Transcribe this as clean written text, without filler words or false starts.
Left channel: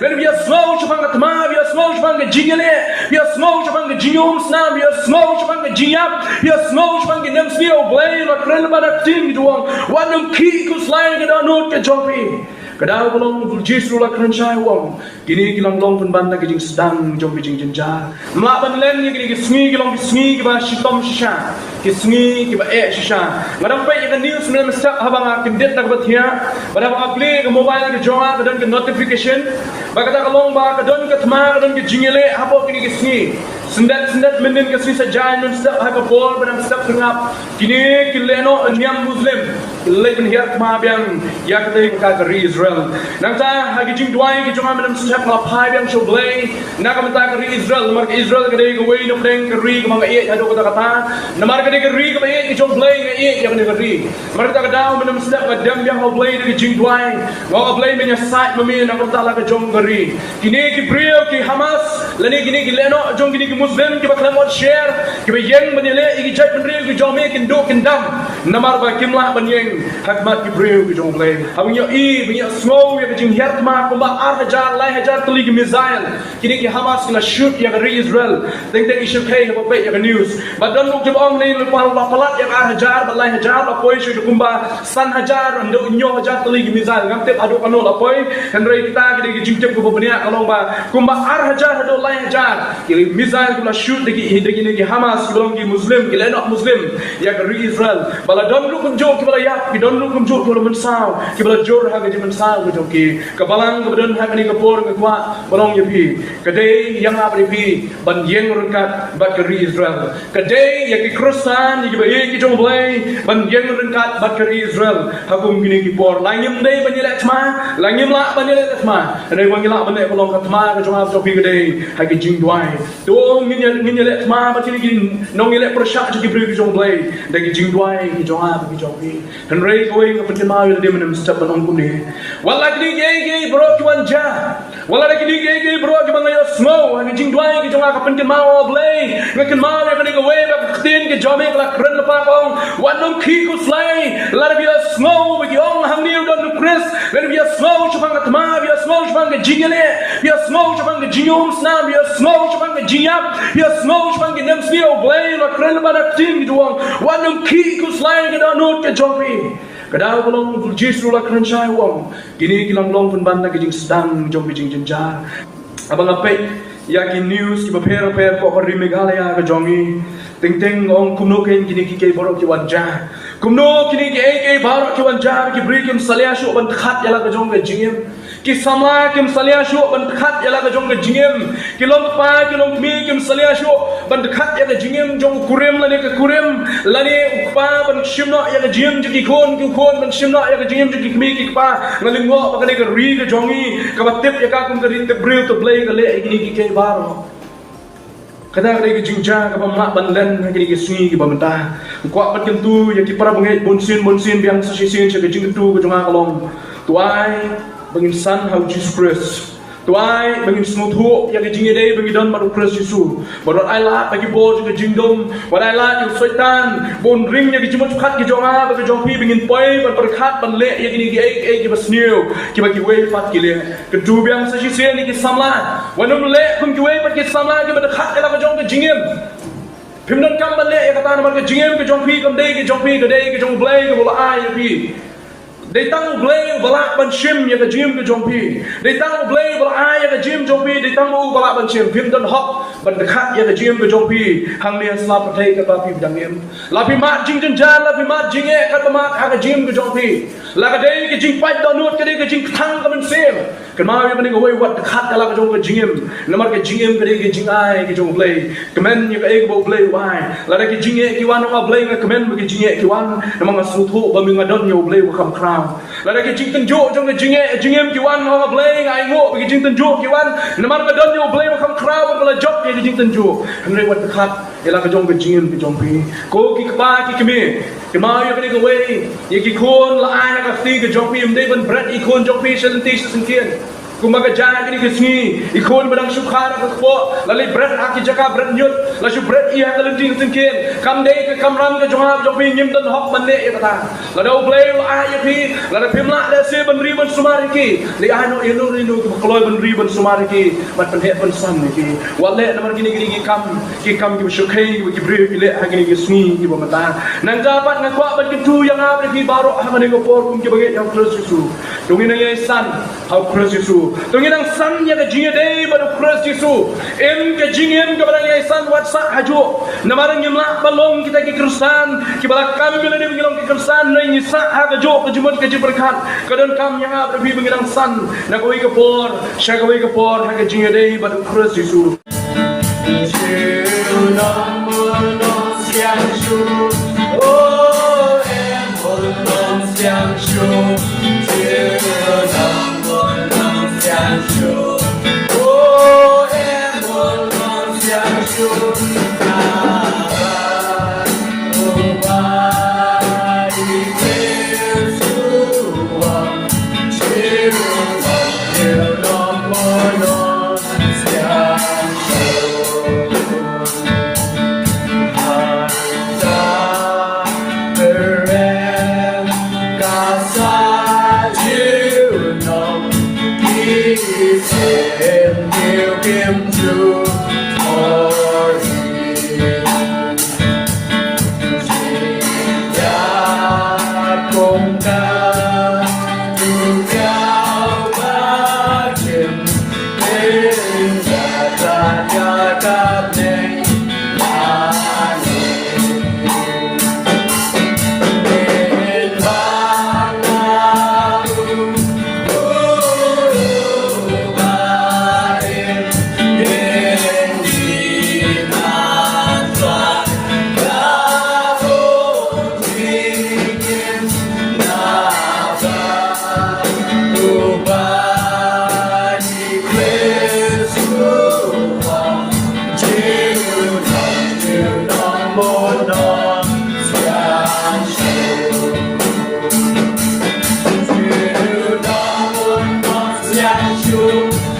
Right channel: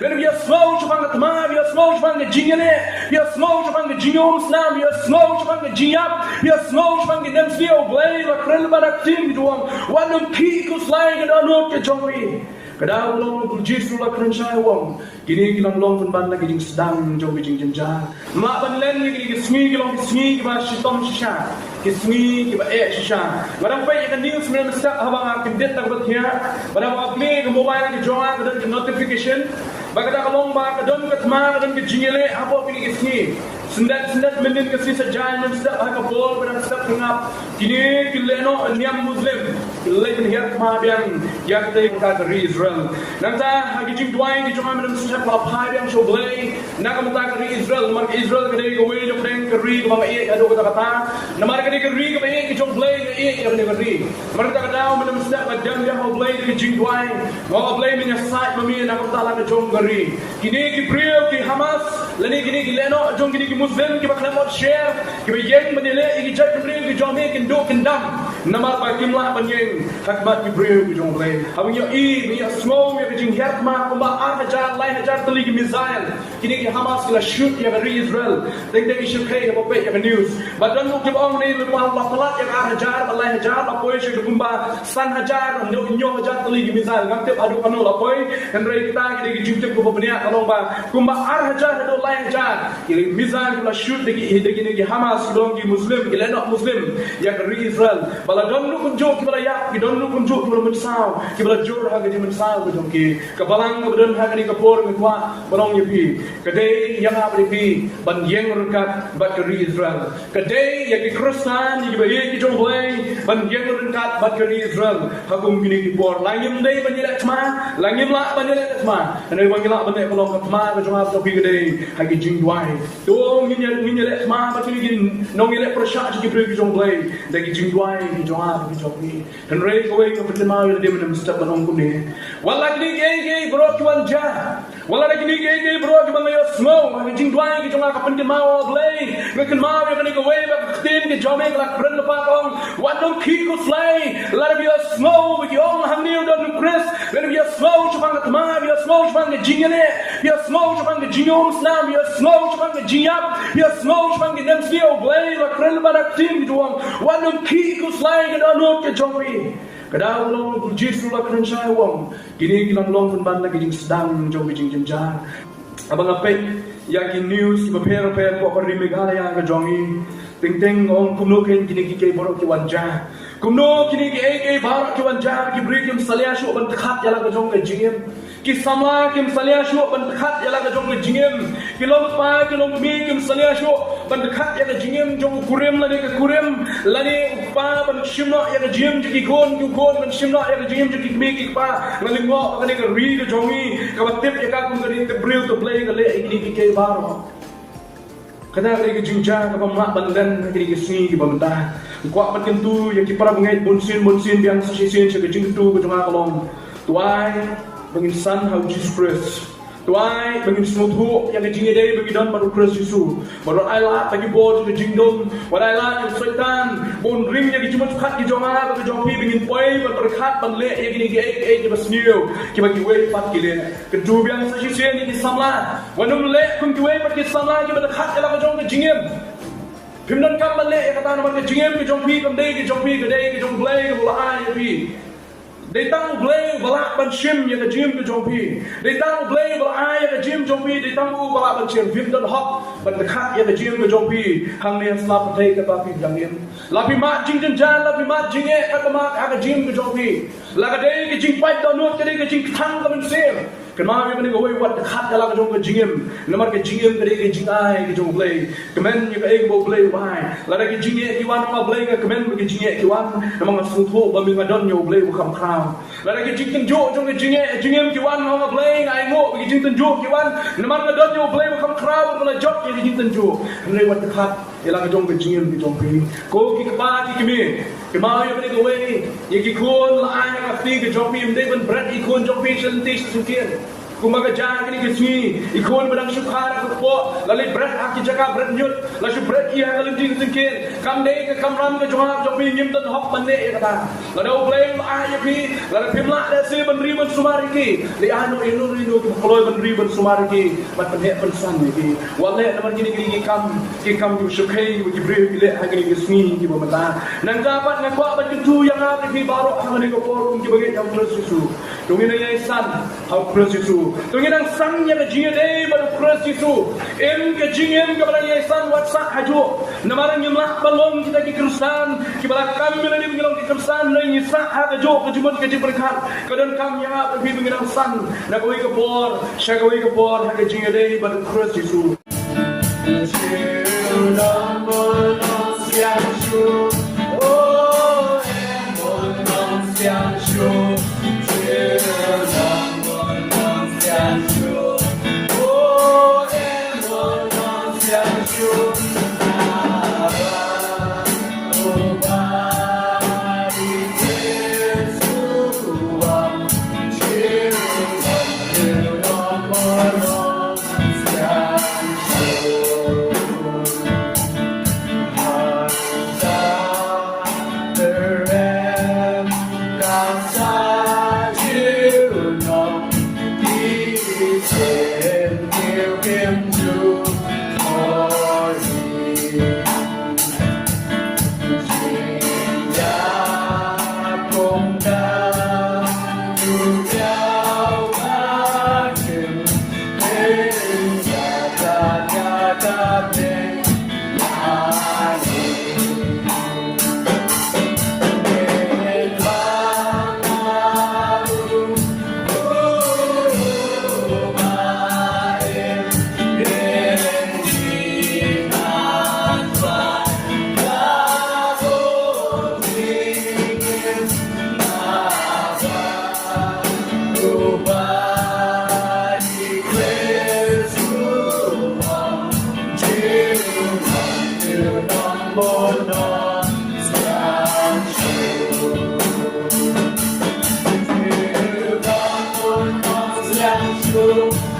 When we are small chapang atma, we are small chapang jingale, we are small chapang jingom snam, we are small chapang jingap, we are small chapang nem sneo blay, la krel banak tim duang, wanum ki kuslay ke danut ke jopi. Kadang belum justru lah kerencai wong. Kini kita belum pun bandar kijing sedang jom kijing jenjar. Melapan lain ni kini kesengi kita kesengi kita shitom shisha, kesengi kita shisha. Kadang pay kita news sebenarnya mesti habang akim det nak bertia. Kadang apli ke mobile ke joa kadang ke notification. Kadang kalau ba kadang ke tema kadang ke jingele apa kini kesengi. Sendat mendin kesengi sajain mesti hak bol kadang step tengap. Kini leno niam Muslim. Leben hiat ma biang ya kita kagari Israel. Nangta hagi jing duai ki jonga menam step la pai biang show blay. Nakamta kagari Israel mar Israel kade ko way no deng kari ko mga iet hado kata kata. Namar kade kari ko iet ki show blay nga iet ya kade kari. Mar kata kadaw menam step la dem biang ho blay de jing duai. Ngo blay menya site mami nakamta la ka jong kari. Kini ki Brio ki Hamas lani kini ki leno jong kini ki Muslim ki baklam share ki bayeng menile ki jai Brio ki jome kin do kin dam. Namar ba kimlah banyeng hakmat ki Brio ki jong blay. Habang yo punya snow yang kecing hiat mak kumba hajar lai hajar tuli ke missile kini ki Hamas kila shoot yang dari Israel teng isu kai apa pe yang news badan luk jebong ni lupa palat yang hajar balai hajar apoi shoot kumba san hajar ndo nyo hajar tuli ke missile ngam tep adu kanol apoi Hynrei kita kini ki jingjem ke benia kalong ba kumba hajar ado lai hajar kini missile kila shoot deki ki Hamas ki belong ki Muslim ki lenok Muslim yang dari Israel bala don luk kunjuk ki bala ya ki don luk kunjuk ki bala mensau ki bala jor ha ke mensau ke joki kabalang ke badan ha ni ke por ke kwa balong ye pi kedai yang apa pi ban yeng rengkat bat ke Israel kedai ya ki Kristen ni ke bae ki jong blai ban yeng rengkat bat ke Israel hakum gini ki por langim dei ban yele tma langim la ban yele tma ane wang la ban ne balong ka tma ke jong apa pi kedai ha ki jing duai to ngin yele tma ba ti gin nong yele prosha ki pi ki jong blai da ki jing duai ki jong apa ki jong pi Hynrei ko wei ko ma yele de menam step ban kum ni wala kini gay bro ki wanja wala kini gay bro ki bangaya snow hagi jing duai ki jonga ka pentin mau blay ngakin mau ya kani ko we ba tin ki jome ka kren pa kong wanom ki ku slay la bi snow with yong hang ni don Chris when we are snow chupang ka ma we are snow chupang ka jingele we are snow chupang ka jingom snam we are snow chupang ka jingap we are snow chupang ka nem sneo blay la kren pa na tin ki duang wanom ki ku slay ka don ka jomi kadang belum justru lah kerencai wong. Kini kita belum pun bandar kijing sedang jom kijing jenjar. Abang apa? Yakin news kita prepare kok hari Meghalaya ke jongi. Teng ong kumno ken kini kike borok ki wanja. Kumno kini ke borok ki wanja ki beri kim salia shu ban khat yala ke jong ke jingem. Ki samla kim salia shu ban khat yala ke jong ke jingem. Ki long pa ki long mi kim salia shu ban khat yala ke jingem jong kurem lani ke kurem lani pa ban shimna ya ke jingem ki kon ban shimna ya ke jingem ki mi ki pa ngalingwa pa kani ke ri ke jongi ka batip ya ka kum ke ri te bril to play ke le kini kike borok. Kadang ada jingjang apa mak bandan lagi di sungai di bawah kuat bat kentu yang kita bangai bonsin biang sisisin sebagai jingtu ke jongah kalong tuai bangin san how Jesus Christ tuai bangin smooth yang jingi day bagi don baru Christ Yesus baru Allah bagi bos ke jingdom baru Allah yang setan bon ring yang dijemut kat ke jongah bagi jopi bangin poi berkat ban le yang ini ke basniu ke bagi way fat ke le kedua biang sisisin ni ke samla wanum le kum ke way bagi samla ke berkat ke jong ke jingem pimdan kam ban le ya kata nama ke jingem ke jopi kam day ke jopi ke day ke jong blay ke bola ai pi They tahu blay balak ban shim ya ke jim ke jompi. They tahu blay balak ai ya ke jim jompi. They tahu balak ban shim pim dan hok ban dekat ya ke jim ke jompi. Hang dia selap petai ke papi bidangim. Lapi mat jing jenjan, lapi mat jing e kat mat ha ke jim ke jompi. La ke dei ke jing pai donut ke dei ke jing thang ke ban sim. Ke ma ya ban ke wei wat dekat ya la ke jom ke jingim. Namar ke jingim ke dei ke jing ai ke jom blay. Kemen ya ke bo blay wai. La ke jing e ki wan ma blay ke kemen ke jing e ki wan namang asuthu ba mi ngadon ya blay ko kham khram. Lada ke jing tunjuk jong ke jingem kiwan ho blay ngai ngo ke jing tunjuk kiwan namar ke don yo blay kham khraw bala jok ke jing tunjuk Hynrei wat khat ela ke jong ke jingem ke jong pi ko ki ba ki kemi ke ma yo ke ke we ye ki khon la ai ka ti ke jong pi mde ban bread i khon jong pi sel ti sin tien kumaga jadi ke sini ikon barang syukhar ke po lalai berat aki jaka berat nyut lalu berat ia kalending singkin kam dei ke kam ram ke jongap jopi nyim tan hok mande ya kata ladau play ai pi lada pimla le se ban riban sumariki li ano inu rinu ke kloy ban riban sumariki mat pen het ban sam ni wale namar gini ki kam ki syukai ki bre ile hagini ki sini ki bomata nan jabat nan kwa ban tu yang apa ki baru hangane ko por kum ki bagai yang terus susu dongin yang san hau terus susu dongin yang san yang jinga dei ban terus susu em ke jingem ke barang yang san wat sa haju namarang yumla balong kita ki kristen ki bala kami bila ni ngilong ki kristen noi ni sa ha ke jo ke jumut ke jiberkat kadon kam yang apa bi bengirang san na ko ke por sha ko ke por ha ke jinga dei ban terus susu Show.